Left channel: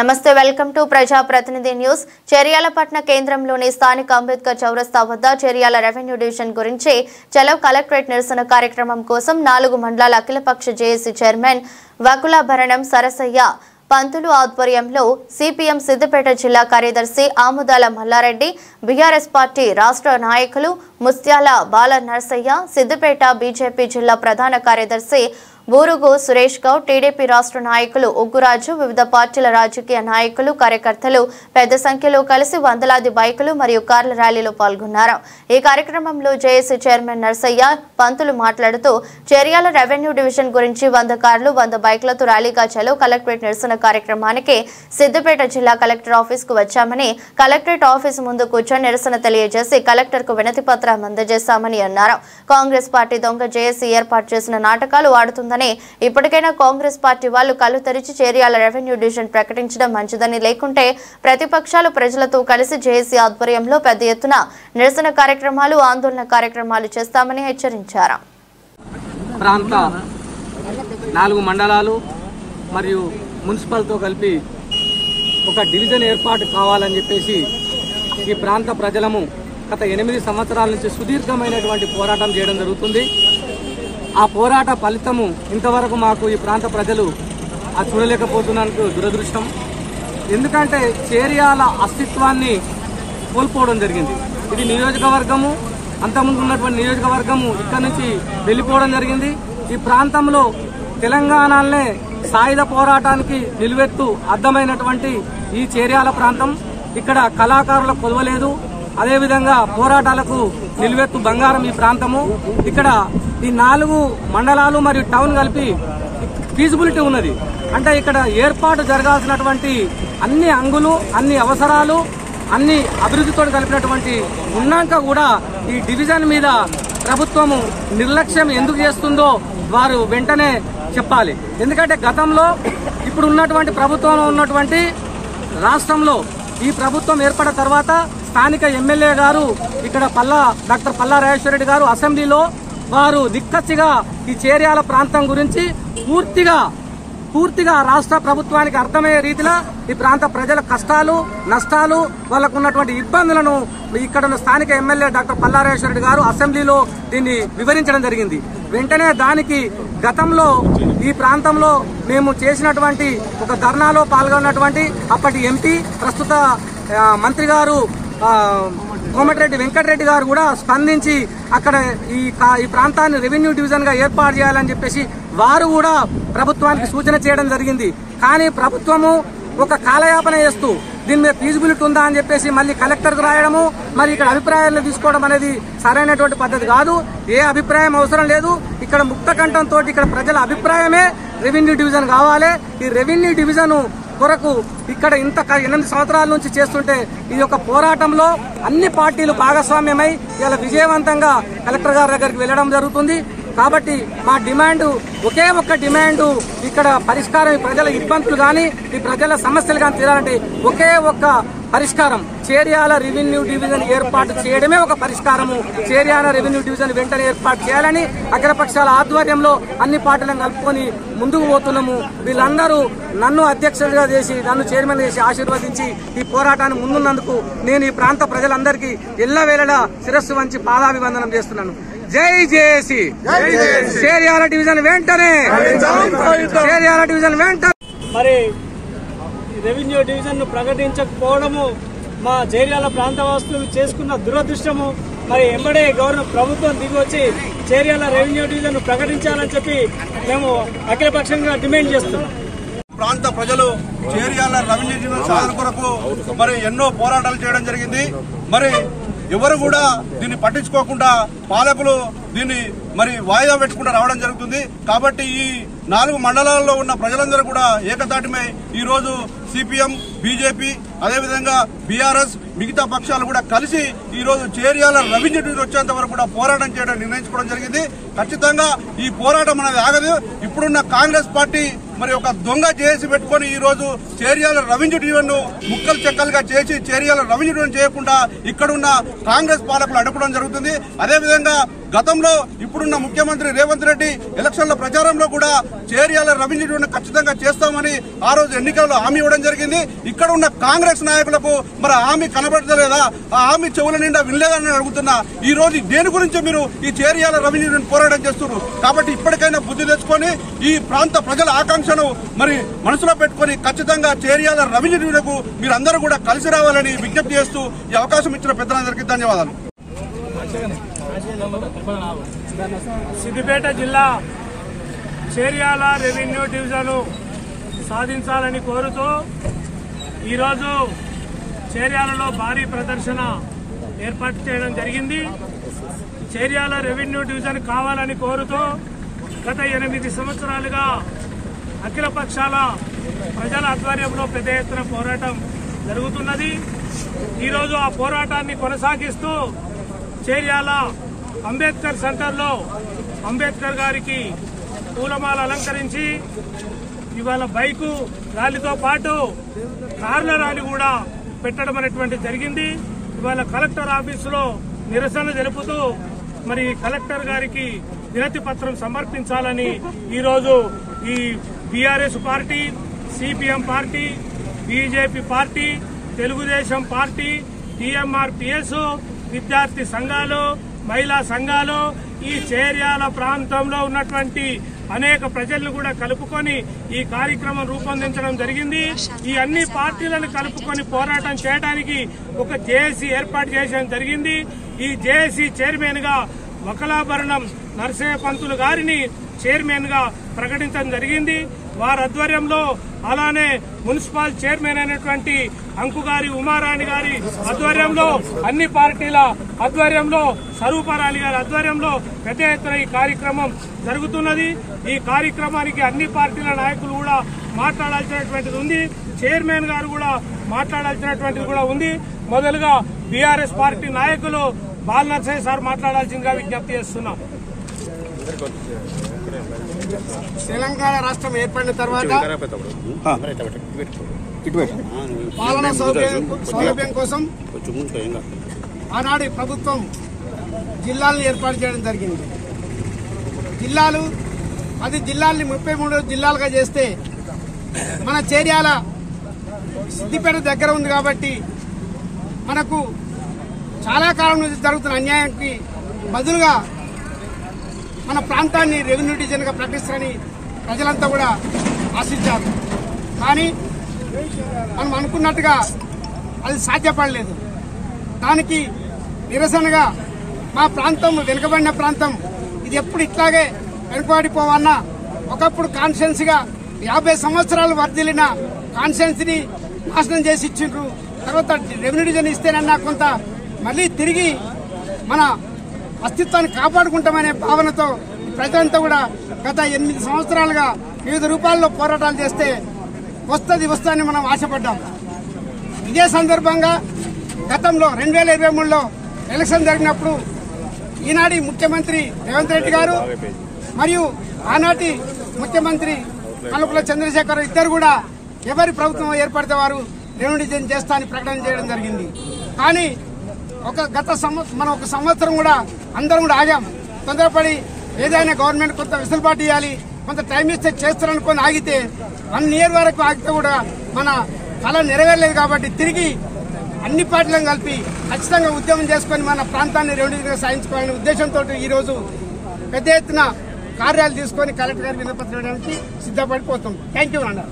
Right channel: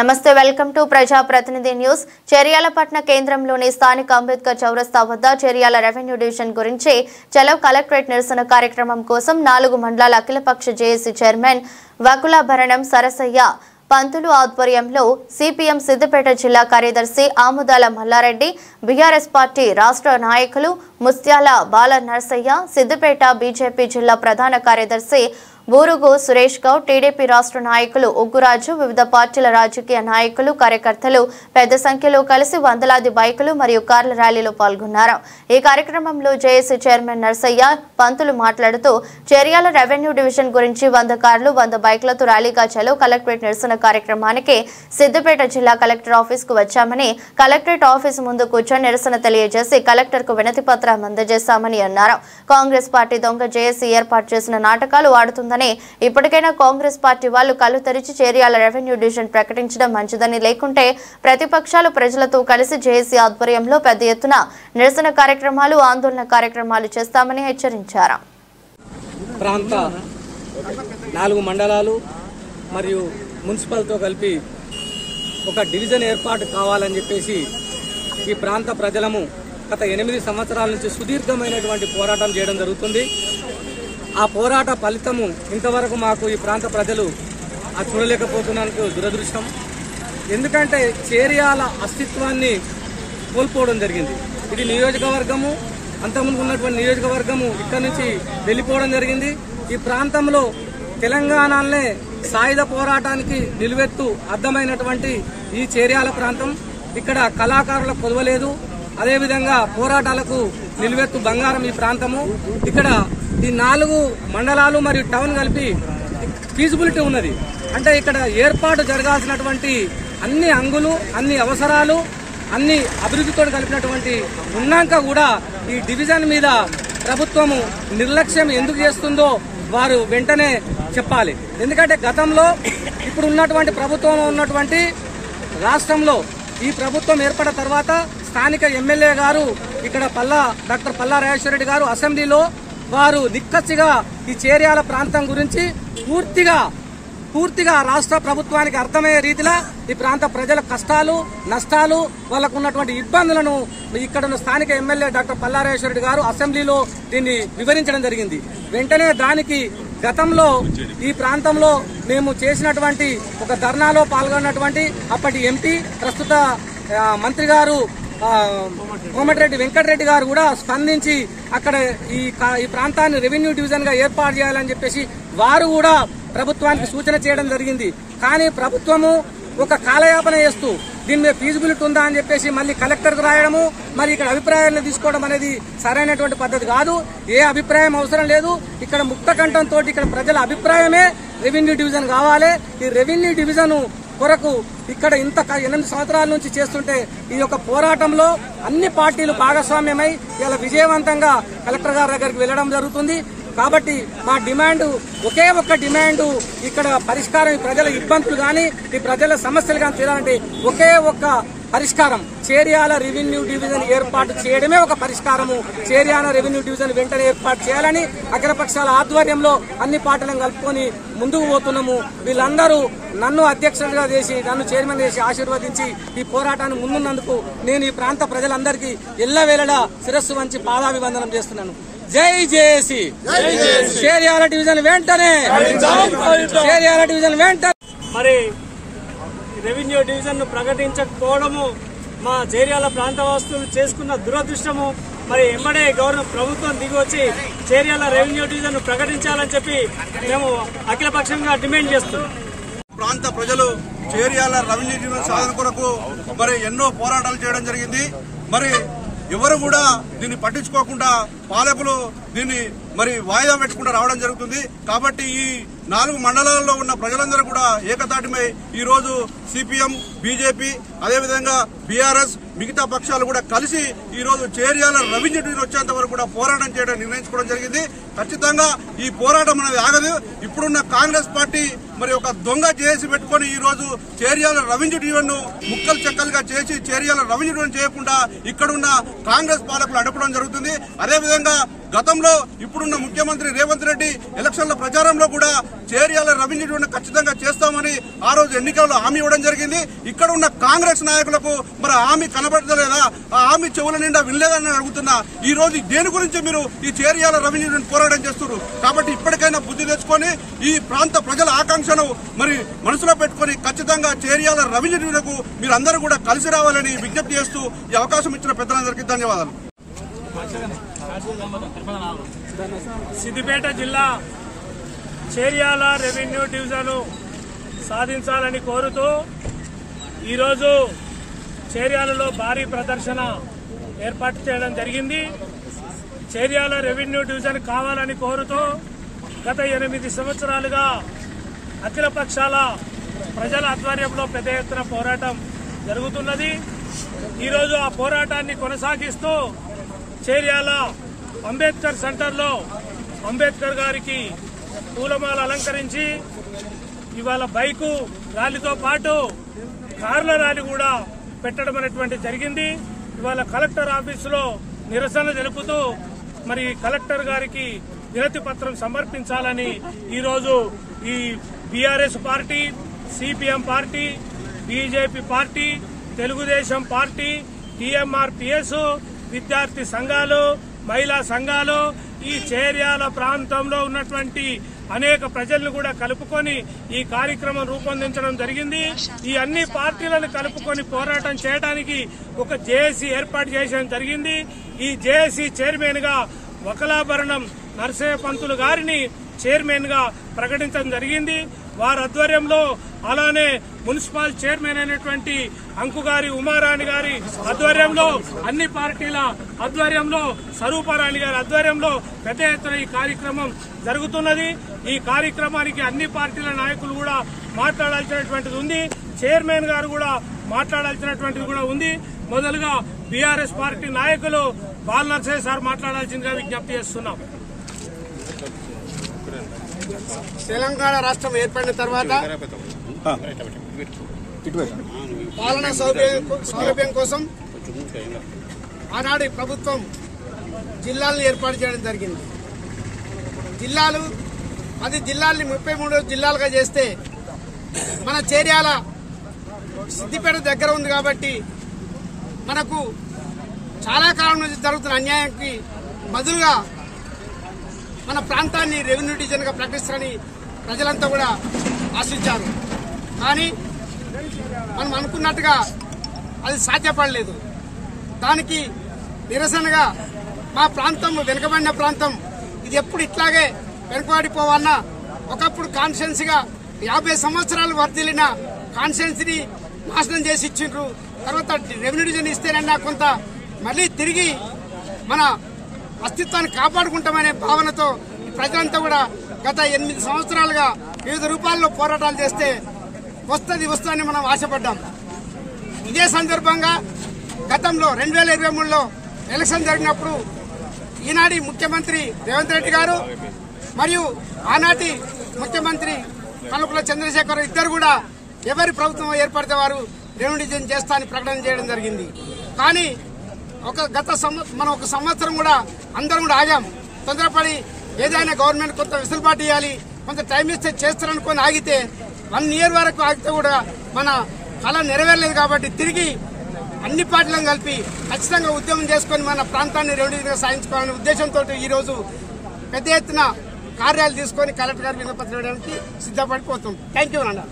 నమస్తే welcome to ప్రజా ప్రతినిధి న్యూస్. చెర్యాలపట్న కేంద్రంలోని స్థానిక అంబేద్కర్ చౌరస్తా వద్ద చెర్యాల రెవెన్యూ డివిజన్ గురించి చలో కలెక్టరేట్ నిరసన కార్యక్రమం కోసం 4 మండలాల అఖిలపక్ష జేఏసీ చైర్మన్ వకులాభరణం సరసయ్య పంతులు ఆధ్వర్యంలో సిపిఎం సిద్దిపేట జిల్లా కార్యదర్శి ఆముదాల మల్లారెడ్డి, బీఆర్ఎస్ పార్టీ రాష్ట్ర నాయకులు ముస్త్యాల బాల నర్సయ్య, సిద్దిపేట బీజేపీ జిల్లా ప్రధాన కార్యదర్శి బూరుగు సురేష్ గౌడ్, టీడీపీ రాష్ట్ర నాయకులు ఉగ్గురాజు, వివిధ పార్టీల రాజకీయ నాయకులు, కార్యకర్తలు పెద్ద సంఖ్యలో కలిసి వందలాది బైకులు మరియు కార్ల ర్యాలీలో పాల్గొన్నారు. ఈ కార్యక్రమంలో జేఏసీ చైర్మన్ నర్సయ్య పంతులు మాట్లాడుతూ చెర్యాల రెవెన్యూ డివిజన్ గురించి 100 కార్లు 100 బైక్లతో ర్యాలీగా చలో కలెక్టరేట్ నిరసన కార్యక్రమానికి సిద్దిపేట జిల్లా కలెక్టర్ ఆఫీస్ కు వచ్చామని, కలెక్టరేట్ ఆఫీస్ ముందు కూర్చొని నిరసన తెలియజేసి కలెక్టర్ కు వినతి పత్రం అందజేశామని అన్నారు. కాంగ్రెస్ పార్టీ దొంగ జేఏసీ ఏర్పాటు చేసిన నాటకాలు ఆడుతుందని, ఇప్పటికైనా కాంగ్రెస్ పార్టీ వాళ్ళు కళ్ళు తెరిచి చెర్యాల రెవెన్యూ డివిజన్ ప్రకటించడం మంచిదని, లేకుంటే ప్రతిపక్షాలు ప్రజలతో కలిసి జేఏసీ ఆధ్వర్యంలో పెద్ద ఎత్తున నిరసన కార్యక్రమాలు, ఆందోళన కార్యక్రమాలు చేస్తామని హెచ్చరించారు. ప్రాంత 4 మండలాలు మరియు మున్సిపల్తో కలిపి ఒక డివిజన్ ఏర్పాటు కావాలని చెప్పేసి ఈ ప్రాంత ప్రజలము గత 8 సంవత్సరాల నుంచి సుదీర్ఘమైనటువంటి పోరాటం చేయడం జరుగుతుంది. ఆ పోరాట ఫలితము ఇంతవరకు మాకు ఈ ప్రాంత ప్రజలు చూడలేకపోతున్నందుకు దురదృష్టం. ఎందుకంటే చెర్యాల అస్తిత్వాన్ని కోల్పోవడం జరిగింది. ఇది నియోజకవర్గము, అంతకుముందు ఉన్నటువంటి నియోజకవర్గము ఇక్కడ నుంచి వెళ్లిపోవడం జరిగింది. ఈ ప్రాంతంలో తెలంగాణనే సాయుధ పోరాటానికి నిలువెత్తు అర్థమైనటువంటి ఈ చెర్యాల ప్రాంతం, ఇక్కడ కళాకారుల కొదవలేదు, అదేవిధంగా పోరాటాలకు నిలువెత్తు బంగారం ఈ ప్రాంతము. ఇక్కడ ఈ 4 మండలాలు మరియు టౌన్ కలిపి ఫీజిబిలిటీ ఉన్నది. అంటే ఇక్కడ ఏర్పాటు జరగాల్సినటువంటి అన్ని అంగులు, అన్ని అవసరాలు, అన్ని అభివృద్ధితో కలిపినటువంటి ఉన్నాక కూడా ఈ డివిజన్ మీద ప్రభుత్వము నిర్లక్ష్యం ఎందుకు చేస్తుందో వారు వెంటనే చెప్పాలి. ఎందుకంటే గతంలో ఇప్పుడు ఉన్నటువంటి ప్రభుత్వంలో ఉన్నటువంటి రాష్ట్రంలో ఈ ప్రభుత్వం ఏర్పడిన తర్వాత స్థానిక ఎమ్మెల్యే గారు ఇక్కడ డాక్టర్ పల్లా రాజేశ్వర రెడ్డి గారు అసెంబ్లీలో వారు నిక్కచ్చిగా ఈ చెర్యాల ప్రాంతం గురించి పూర్తిగా రాష్ట్ర ప్రభుత్వానికి అర్థమయ్యే రీతిలో ఈ ప్రాంత ప్రజల కష్టాలు, నష్టాలు, వాళ్లకు ఉన్నటువంటి ఇబ్బందులను ఇక్కడ ఉన్న స్థానిక ఎమ్మెల్యే డాక్టర్ పల్లా రాజేశ్వర రెడ్డి గారు అసెంబ్లీలో దీన్ని వివరించడం జరిగింది. వెంటనే దానికి గతంలో ఈ ప్రాంతంలో మేము చేసినటువంటి ఒక ధర్నాలో పాల్గొన్నటువంటి అప్పటి ఎంపీ, ప్రస్తుత మంత్రి గారు కోమటిరెడ్డి వెంకటరెడ్డి గారు కూడా స్పందించి అక్కడ ఈ ప్రాంతాన్ని రెవెన్యూ డివిజన్ గా ఏర్పాటు చేయాలని చెప్పేసి వారు కూడా ప్రభుత్వానికి సూచన చేయడం జరిగింది. కానీ ప్రభుత్వము ఒక కాలయాపన చేస్తూ దీని మీద ఫీజిబిలిటీ ఉందా అని చెప్పేసి మళ్ళీ కలెక్టర్ కు రాయడము, మరి ఇక్కడ అభిప్రాయాలను తీసుకోవడం అనేది సరైనటువంటి పద్ధతి కాదు. ఏ అభిప్రాయం అవసరం లేదు. ఇక్కడ ముక్త కంఠంతో ఇక్కడ ప్రజల అభిప్రాయమే రెవెన్యూ డివిజన్ కావాలి. ఈ రెవెన్యూ డివిజన్ కొరకు ఇక్కడ ఇంత 8 సంవత్సరాల నుంచి చేస్తుంటే ఈ యొక్క పోరాటంలో అన్ని పార్టీలు భాగస్వామ్యమై ఇలా విజయవంతంగా కలెక్టర్ గారి దగ్గరికి వెళ్లడం జరుగుతుంది. కాబట్టి మా డిమాండ్ ఒకే ఒక్క డిమాండ్, ఇక్కడ పరిష్కారం, ప్రజల ఇబ్బందులు గాని ఈ ప్రజల సమస్యలు గాని తీరాలంటే ఒకే ఒక్క పరిష్కారం, చెర్యాల రెవెన్యూ డివిజన్ ఏర్పాటు చేయడమే ఒక పరిష్కారము. చెర్యాల రెవెన్యూ డివిజన్ వెంటనే ఏర్పాటు చేయాలని అఖిలపక్షాల ఆధ్వర్యంలో అన్ని పార్టీలను కలుపుకొని ముందుకు పోతున్నాము. వీళ్ళందరూ నన్ను అధ్యక్షుడిగా చేసి, నన్ను చైర్మన్ చేసి ఆశీర్వదించి ఈ పోరాటాన్ని ముందున్నందుకు నేను ఈ ప్రాంత ప్రజలందరికీ ఎల్లవేళలా శిరస్సు వంచి పాదాభివందనం చేస్తున్నాను. జై జేఏసీ, చెర్యాల డివిజన్ వెంటనే, చెర్యాల డివిజన్ వెంటనే. మరి రెవెన్యూ డివిజన్ ను ప్రకటించకపోవడము మా చెర్యాల ప్రాంతవాసులు చేసుకున్న దురదృష్టము. మరి ఎంబడే ప్రభుత్వం దిగి వచ్చి చెర్యాల రెవెన్యూ డివిజన్ ను ప్రకటించాలని చెప్పి మేము అఖిలపక్షంగా డిమాండ్ చేస్తున్నాం. ప్రాంత ప్రజలు చెర్యాల రెవెన్యూ డివిజన్ సాధన కొరకు మరి ఎన్నో పోరాటాలు చేయడం జరిగింది. మరి ఎవరు కూడా దీన్ని పట్టించుకోకుండా పాలకులు దీన్ని మరి వాయిదా పెట్టుకుంటూ రావడం జరుగుతుంది. కాబట్టి ఈ 4 మండలాల్లో ఉన్న ప్రజలందరూ కూడా ఏకతాటిమై ఈ రోజు సిపిఎం, బీజేపీ, అదేవిధంగా బీఆర్ఎస్, మిగతా పక్షాలు కూడా కలిసి ఈ రోజు చెర్యాల రెవెన్యూ డివిజన్ వచ్చేంత వరకు కూడా పోరాటం చేయడం నిర్ణయించుకోవడం జరిగింది. ఖచ్చితంగా ఈ పోరాటం అనేది ఆగదు. ఇప్పుడున్న కాంగ్రెస్ పార్టీ మరి ఒక దొంగ జేఏసీ పెట్టుకుని ఈ రోజు చేర్యాల రెవెన్యూ డివిజన్ ను ముక్కలు చెక్కలుగా చేసి చేర్యాల రెవెన్యూ డివిజన్ చేయకుండా ఇక్కడున్న కాంగ్రెస్ పాలకులు అడ్డుకోవడం జరుగుతుంది. అదేవిధంగా గతంలో ఇప్పుడున్న ముఖ్యమంత్రి రేవంత్ రెడ్డి ఎలక్షన్ల ప్రచారంలో కూడా చేర్యాల రెవెన్యూ డివిజన్ ఖచ్చితంగా చేస్తామని ఆ రోజు ఎన్నికల్లో హామీ ఇవ్వడం జరిగింది. ఇక్కడ ఉన్న కాంగ్రెస్ నాయకులకు మరి హామీ కనబడలేదా, ఆ హామీ చెవుల నిండా వినలేదని అడుగుతున్నా. ఈ రోజు దేని గురించి మీరు ఈ చేర్యాల రెవెన్యూ డివిజన్ పోరాటం చేస్తున్నారు కాబట్టి ఇప్పటికైనా బుద్ధి తెచ్చుకొని ఈ ప్రాంత ప్రజల ఆకాంక్షను మరి మనసులో పెట్టుకుని ఖచ్చితంగా చేర్యాల రెవెన్యూ డివిజన్ కు మీరందరూ కూడా కలిసి రావాలని విజ్ఞప్తి చేస్తూ ఈ అవకాశం ఇచ్చిన పెద్దలందరికీ ధన్యవాదాలు. సిద్దిపేట జిల్లా చేర్యాల రెవెన్యూ డివిజన్ సాధించాలని కోరుతూ ఈరోజు చేర్యాలలో భారీ ప్రదర్శన ఏర్పాటు చేయడం జరిగింది. చేర్యాల రెవెన్యూ డివిజన్ కావాలని కోరుతూ గత 8 సంవత్సరాలుగా అఖిల పక్షాల ప్రజల ఆధ్వర్యంలో పెద్ద ఎత్తున పోరాటం జరుగుతున్నది. ఈరోజు ఆ పోరాటాన్ని కొనసాగిస్తూ చేర్యాల అంబేద్కర్ సెంటర్లో అంబేద్కర్ గారికి పూలమాల అలంకరించి ఇవాళ బైకు ర్యాలీతో పాటు కార్ల ర్యాలీ కూడా పెట్టడం అనేటువంటి జరిగింది. ఇవాళ కలెక్టర్ ఆఫీసులో నిరసన తెలుపుతూ మరి కలెక్టర్ గారికి వినతి పత్రం సమర్పించాలని ఈరోజు ఈ BRS party, CPM party, BJP party, Telugu Desam party, TMRPS, విద్యార్థి సంఘాలు, మహిళా సంఘాలు, ఈ చేర్యాల ప్రాంతంలో ఉన్నటువంటి అనేక ప్రజలను కూడా కలుపుకొని ఈ కార్యక్రమం రూపొందించడం జరిగింది. ఈ అన్ని పార్టీలను కలుపుకొని పోరాటం చేయడానికి ఒక జేఏసీ ఏర్పాటు చేయడం జరిగింది. ఈ జేఏసీ చైర్మన్ గా వకలాభరణం నరసింహ పంతులు గారిని చైర్మన్ గా ప్రకటించడం జరిగింది. వారి ఆధ్వర్యంలో అలానే మున్సిపల్ చైర్మన్ అయినటువంటి అంకుగారి ఉమారాణి గారి ఆధ్వర్యంలో అన్ని పార్టీల ఆధ్వర్యంలో స్వరూపారాణి గారి ఆధ్వర్యంలో పెద్ద ఎత్తున ఈ కార్యక్రమం జరుగుతున్నది. ఈ కార్యక్రమానికి అన్ని పార్టీల నాయకులు కూడా మాట్లాడాల్సినటువంటిది ఉంది. చైర్మన్ గారు కూడా మాట్లాడాల్సినటువంటిది కూడా ఉంది. మొదలుగా బీఆర్ఎస్ పార్టీ నాయకులు బాల్ నర్సయ్య సార్ మాట్లాడాల్సిందిగా విజ్ఞప్తి చేస్తున్నాం. తెలంగాణ రాష్ట్రం ఏర్పడిన తర్వాత పాలనా సౌలభ్యం కోసం ఆనాడు ప్రభుత్వం జిల్లాలను ఏర్పాటు చేయడం జరిగింది. 10 జిల్లాల్ని 33 జిల్లాలుగా చేస్తే మన చేర్యాల సిద్దిపేట దగ్గర ఉంది కాబట్టి మనకు చాలా కాలం నుంచి జరుగుతున్న అన్యాయానికి బదులుగా మన ప్రాంతాన్ని రెవెన్యూ డివిజన్ గా ప్రకటిస్తారని ప్రజలంతా కూడా ఆశించారు. కానీ మనం అనుకున్నట్టుగా అది సాధ్యపడలేదు. దానికి నిరసనగా మా ప్రాంతం వెనుకబడిన ప్రాంతం ఇది ఎప్పుడు ఇట్లాగే వెనుకబడిపోవన్నా ఒకప్పుడు కాన్స్టిట్యున్సీ గా 50 సంవత్సరాలు వర్ధిల్లిన కాన్స్టిట్యున్సీని నాశనం చేసి ఇచ్చిండ్రు. తర్వాత రెవెన్యూ డివిజన్ ఇస్తేనన్నా కొంత మళ్లీ తిరిగి మన అస్తిత్వాన్ని కాపాడుకుంటామనే భావనతో ప్రజలంతా కూడా గత 8 సంవత్సరాలుగా వివిధ రూపాల్లో పోరాటాలు చేస్తే వస్తుందని మనం ఆశపడ్డాం. ఇదే సందర్భంగా గతంలో 2023లో ఎలక్షన్ జరిగినప్పుడు ఈనాటి ముఖ్యమంత్రి రేవంత్ రెడ్డి గారు మరియు ఆనాటి ముఖ్యమంత్రి కల్వకుంట్ల చంద్రశేఖర్ ఇద్దరు కూడా ఎవరి ప్రభుత్వం ఏర్పడితే వారు రెవెన్యూ డివిజన్ చేస్తా అని ప్రకటన చేయడం జరిగింది. కానీ మనం ఒక సంవత్సరం కూడా అందరం కూడా ఆగాం. తొందరపడి ఏదైనా గవర్నమెంట్ కొంత వెసులుబాటు ఇవ్వాలి, కొంత టైం ఇస్తే చేస్తారనుకొని ఆగితే 1 year వరకు ఆగితే కూడా మన కళ నెరవేరలేదు. కాబట్టి తిరిగి అన్ని పార్టీలను కలిపి ఖచ్చితంగా ఉద్యమం చేసుకుని మన ప్రాంతాన్ని రెవెన్యూ సాధించుకోవాలనే ఉద్దేశంతో ఈ రోజు పెద్ద ఎత్తున కార్యాలు తీసుకుని కలెక్టర్ గారికి వినపత్రం ఇవ్వడానికి సిద్ధపడిపోతాం. థ్యాంక్ యూ అన్నారు.